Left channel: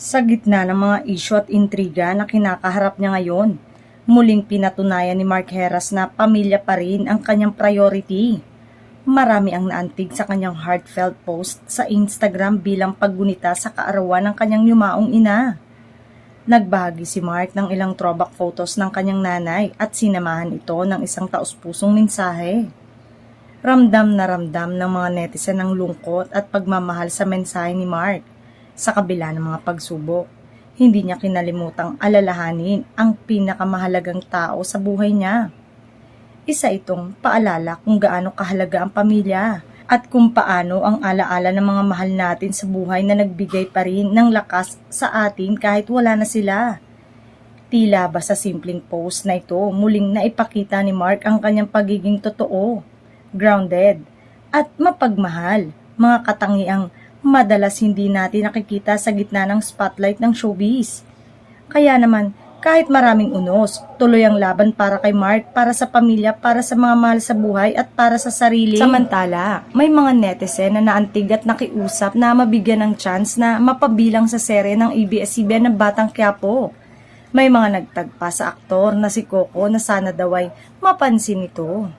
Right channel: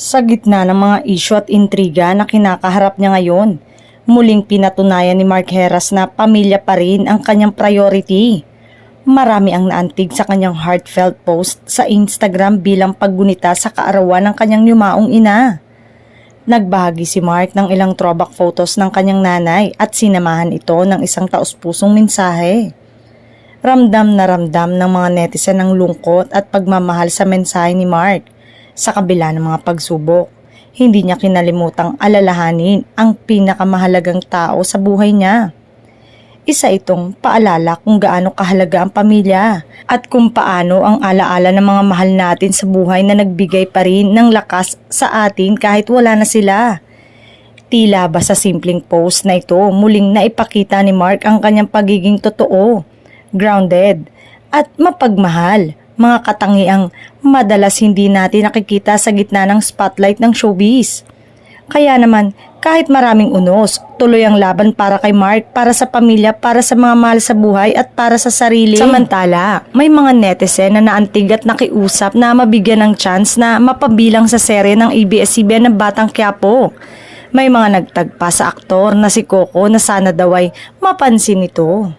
Sa gitna ng mga isyu at intriga na kinakaharap niya ngayon, muling pinatunayan ni Mark Heras na pamilya pa rin ang kanyang priority. Marami ang naantig sa kanyang heartfelt post sa Instagram bilang paggunita sa kaarawan ng kanyang yumaong ina. Nagbahagi si Mark ng ilang throwback photos ng kanyang nanay at sinamahan ito ng isang taus-pusong mensahe. Ramdam na ramdam ng mga netizen ang lungkot at pagmamahal sa mensahe ni Mark. Sa kabila ng mga pagsubok, hindi niya kinalimutang alalahanin ang pinakamahalagang tao sa buhay niya. Isa itong paalala kung gaano kahalaga ang pamilya at kung paano ang alaala ng mga mahal natin sa buhay na nagbigay pa rin ng lakas sa atin kahit wala na sila. Tila ba sa simpleng post na ito muling naipakita ni Mark ang kanyang pagiging totoo, grounded at mapagmahal, mga katangiang madalas hindi natin nakikita sa gitna ng spotlight ng showbiz. Kaya naman, kahit maraming unos, tuloy ang laban para kay Mark, para sa pamilya, para sa mga mahal sa buhay at para sa sarili. Samantala, may mga netizen na naantig at nakiusap na mabigyan ng chance na mapabilang sa serye ng ABS-CBN na Batang Quiapo. May mga nagtagpa sa aktor na si Coco na sana daw ay mapansin ito.